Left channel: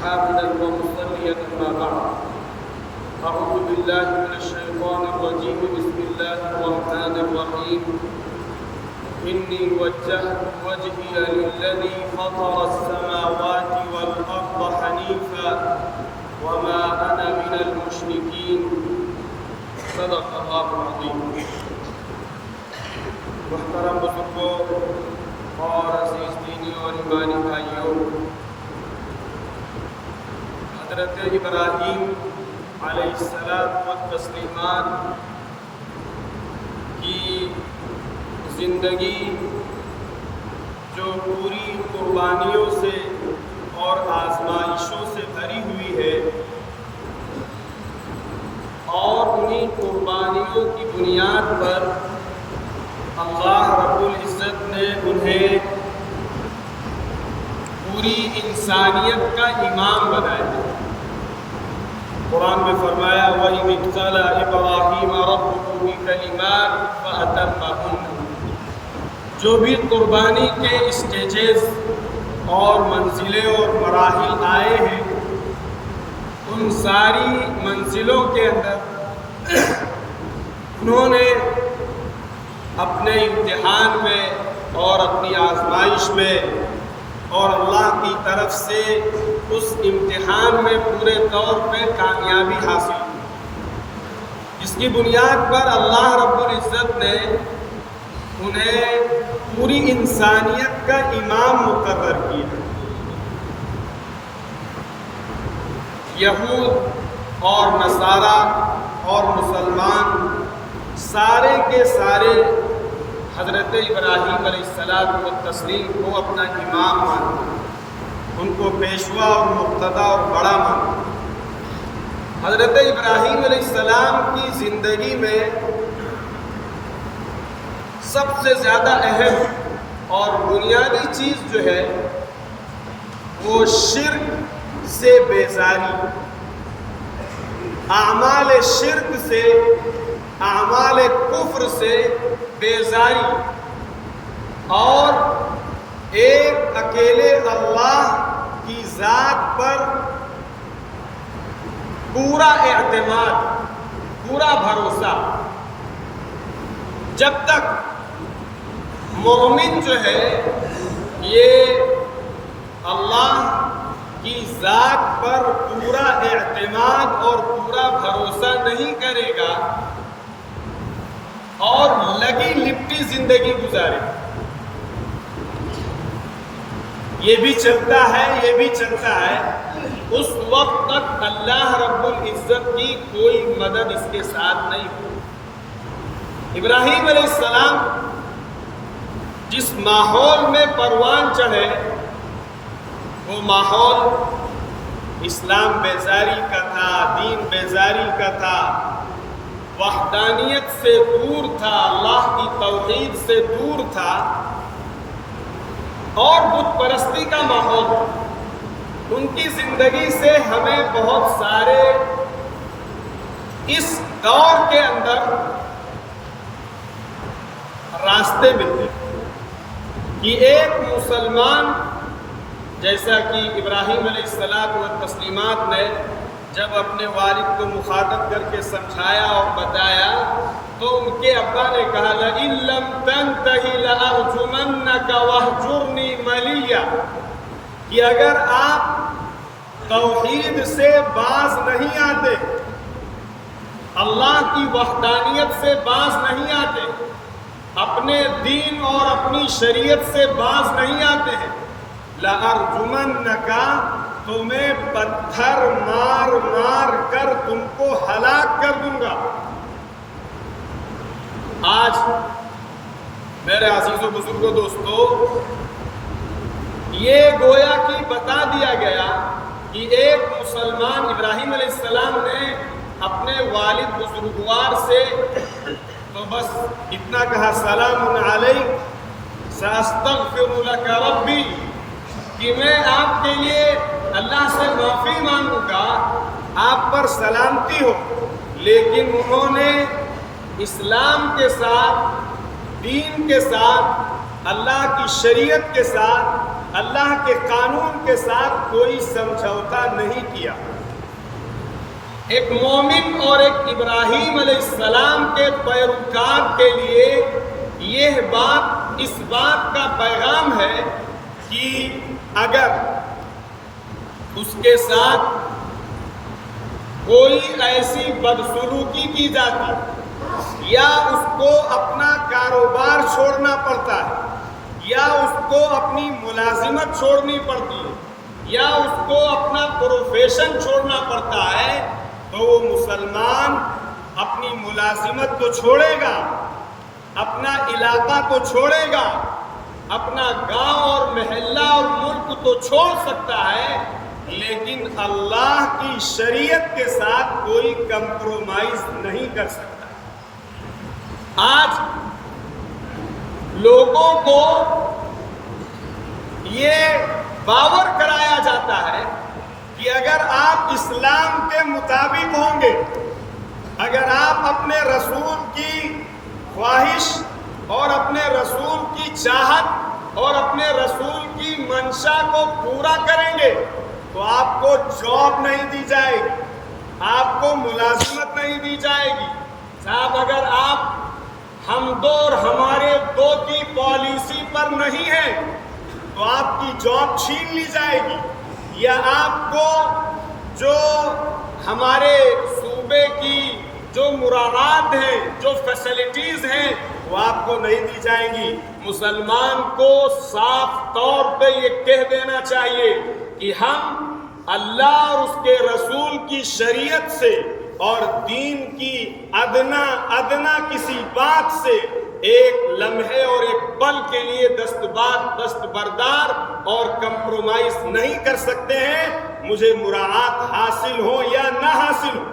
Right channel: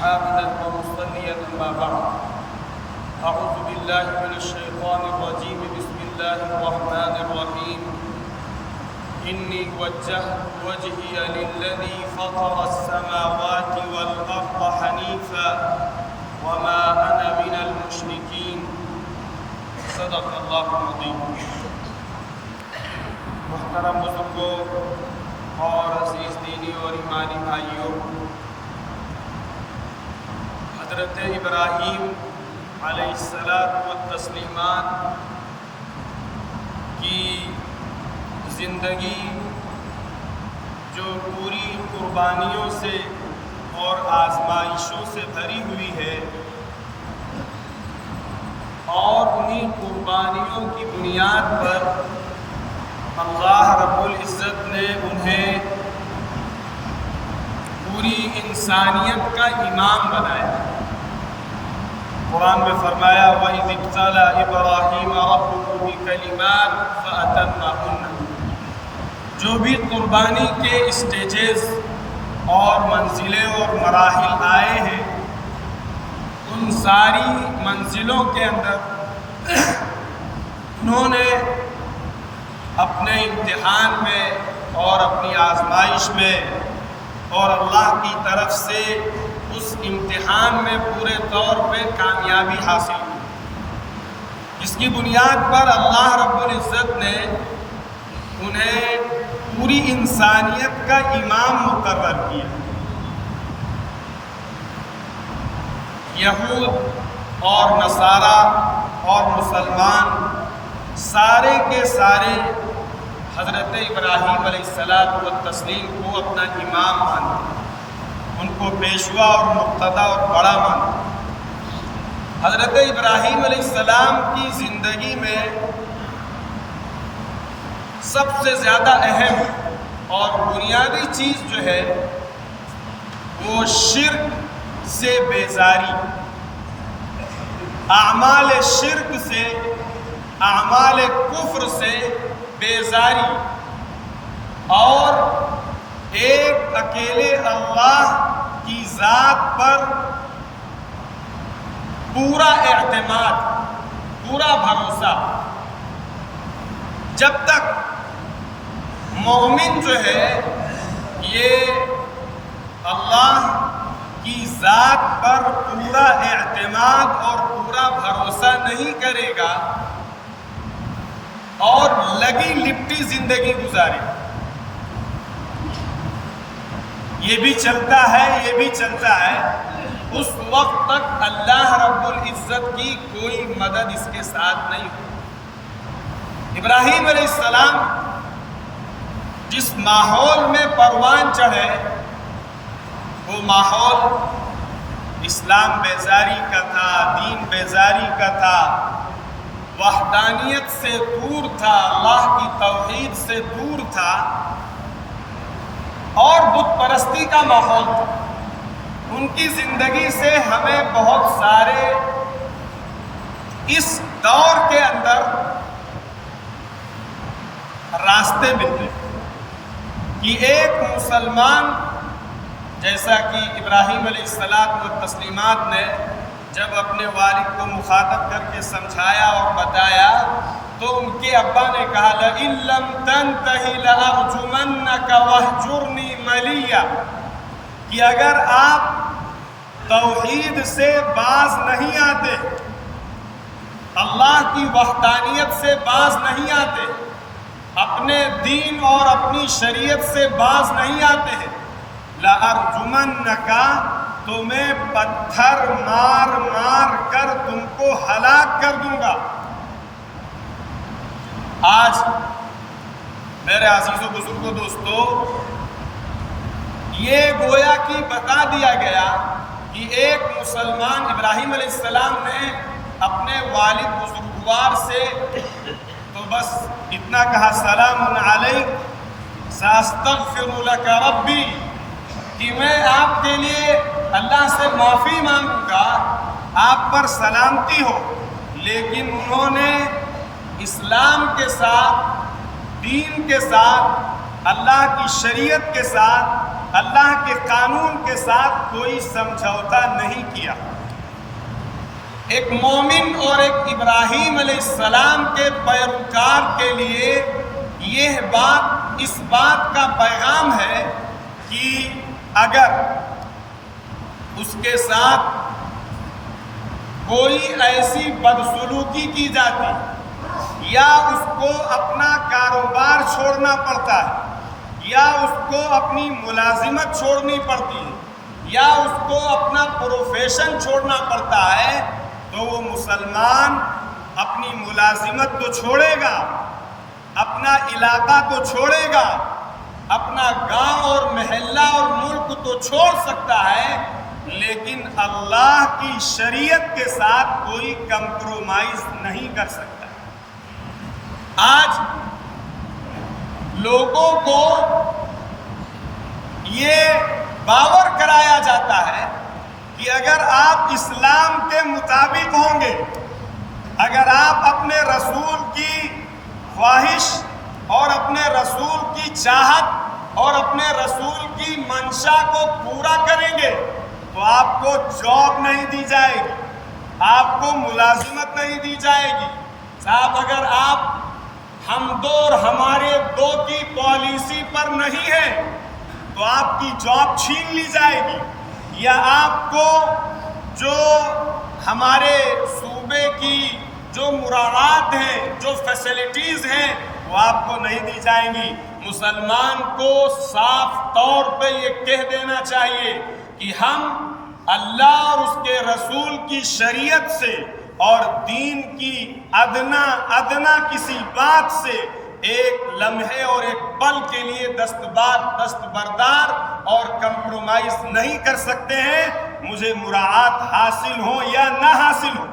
حامدا ومصليا أما بعد أعوذ بالله من الشيطان الرجيم بسم الله الرحمن الرحيم إني وجهت وجهي للذي فطر السماوات والأرض حنيفا وما أنا من المشركين صدق الله العظيم. محترم بزرگوں اور عزیز دینی اور ایمانی بھائیوں، حضرت ابراہیم علیہ السلام والتسلیمان کی زندگی جو پوری قربانیوں سے اور آزمائشوں سے بھری ہوئی ہے، اور انہی قربانیوں کی بنیاد پر اللہ رب العزت نے انہیں پوری انسانیت کا امام بنایا۔ قرآن میں فرمایا وَإِذِ ابْتَلَىٰ إِبْرَاهِيمَ رَبُّهُ بِكَلِمَاتٍ فَأَتَمَّهُنَّ۔ جو بھی قربانی کے اسٹیجز اور منزلیں اور مراحل آئے ہیں، ان ساری منزلوں کے اندر انہوں نے اپنے امتحان میں اور اپنی آزمائش میں اور اللہ کی طرف سے اس امتحان میں پورے طور پہ کامیابی حاصل کی، جس کی بنیاد پر اللہ رب العزت نے انہیں پوری انسانیت کا امام مقرر کیا۔ یہود اور نصارہ اور مسلمان سارے کے سارے حضرت ابراہیم علیہ السلام والتسلیم کو اپنا امام مانتے، ان کو پیشوا اور مقتدی اور بڑا مانتے۔ حضرت ابراہیم علیہ السلام کی زندگی میں سب سے زیادہ اہم اور بنیادی چیز جو ہے وہ شرک سے بیزاری، اعمال شرک سے، اعمال کفر سے بیزاری، اور ایک اکیلے اللہ کی ذات پر پورا اعتماد، پورا بھروسہ۔ جب تک مومن جو ہے یہ اللہ کی ذات پر پورا اعتماد اور پورا بھروسہ نہیں کرے گا اور لگی لپٹی زندگی گزارے، یہ بھی چلتا ہے یہ بھی چلتا ہے، اس وقت تک اللہ رب العزت کی کوئی مدد اس کے ساتھ نہیں ہو۔ ابراہیم علیہ السلام جس ماحول میں پروان چڑھے، وہ ماحول اسلام بیزاری کا تھا، دین بیزاری کا تھا، وحدانیت سے دور تھا، اللہ کی توحید سے دور تھا، اور بت پرستی کا ماحول تھا۔ ان کی زندگی سے ہمیں بہت سارے اس دور کے اندر راستے ملتے ہیں کہ ایک مسلمان، جیسا کہ ابراہیم علیہ السلام والتسلیمات نے جب اپنے والد کو مخاطب کر کے سمجھایا اور بتایا، تو ان کے ابا نے کہا لَإِن لَّمْ تَنْتَهِ لَأَرْجُمَنَّكَ وَاهْجُرْنِي مَلِيًّا، کہ اگر آپ توحید سے باز نہیں آتے، اللہ کی وحدانیت سے باز نہیں آتے، اپنے دین اور اپنی شریعت سے باز نہیں آتے ہیں، لَأَرْجُمَنَّكَ، تمہیں پتھر مار مار کر تم کو ہلاک کر دوں گا۔ آج میرے عزیز و بزرگوں دوستو، یہ گویا کہ بتا دیا گیا کہ ایک مسلمان ابراہیم علیہ السلام نے اپنے والد بزرگوار سے تو بس اتنا کہا سلام علیک ساستغفر لک ربی، کہ میں آپ کے لیے اللہ سے معافی مانگوں گا، آپ پر سلامتی ہو. لیکن انہوں نے اسلام کے ساتھ، دین کے ساتھ، اللہ کی شریعت کے ساتھ، اللہ کے قانون کے ساتھ کوئی سمجھوتا نہیں کیا. ایک مومن اور ایک ابراہیم علیہ السلام کے پیروکار کے لیے یہ بات اس بات کا پیغام ہے کہ اگر اس کے ساتھ کوئی ایسی بدسلوکی کی جاتی، یا اس کو اپنا کاروبار چھوڑنا پڑتا ہے، یا اس کو اپنی ملازمت چھوڑنی پڑتی ہے، یا اس کو اپنا پروفیشن چھوڑنا پڑتا ہے، تو وہ مسلمان اپنی ملازمت تو چھوڑے گا، اپنا علاقہ تو چھوڑے گا، اپنا گاؤں اور محلہ اور ملک تو چھوڑ سکتا ہے، لیکن اللہ کی شریعت کے ساتھ کوئی کمپرومائز نہیں کر سکتا. آج لوگوں کو یہ باور کرایا جاتا ہے کہ اگر آپ اسلام کے مطابق ہوں گے، اگر آپ اپنے رسول کی خواہش اور اپنے رسول کی چاہت اور اپنے رسول کی منشا کو پورا کریں گے، تو آپ کو جاب نہیں دی جائے گی، آپ کو ملازمت نہیں دی جائے گی. صاحب اگر آپ ہم دو اور ہمارے دو کی پالیسی پر نہیں ہیں تو آپ کی جاب چھین لی جائے گی، یا آپ کو جو ہمارے صوبے کی جو مراعات ہیں، جو فیسلٹیز ہیں، وہ آپ کو نہیں دی جائیں گی. مسلمان کو صاف طور پہ یہ کہہ دینا چاہیے کہ ہم اللہ اور اس کے رسول کی شریعت سے اور دین کی ادنا کسی بات سے ایک لمحے اور ایک پل کے لیے دستبردار اور کمپرومائز نہیں کر سکتے ہیں، مجھے مراعات حاصل ہو یا نہ حاصل ہو.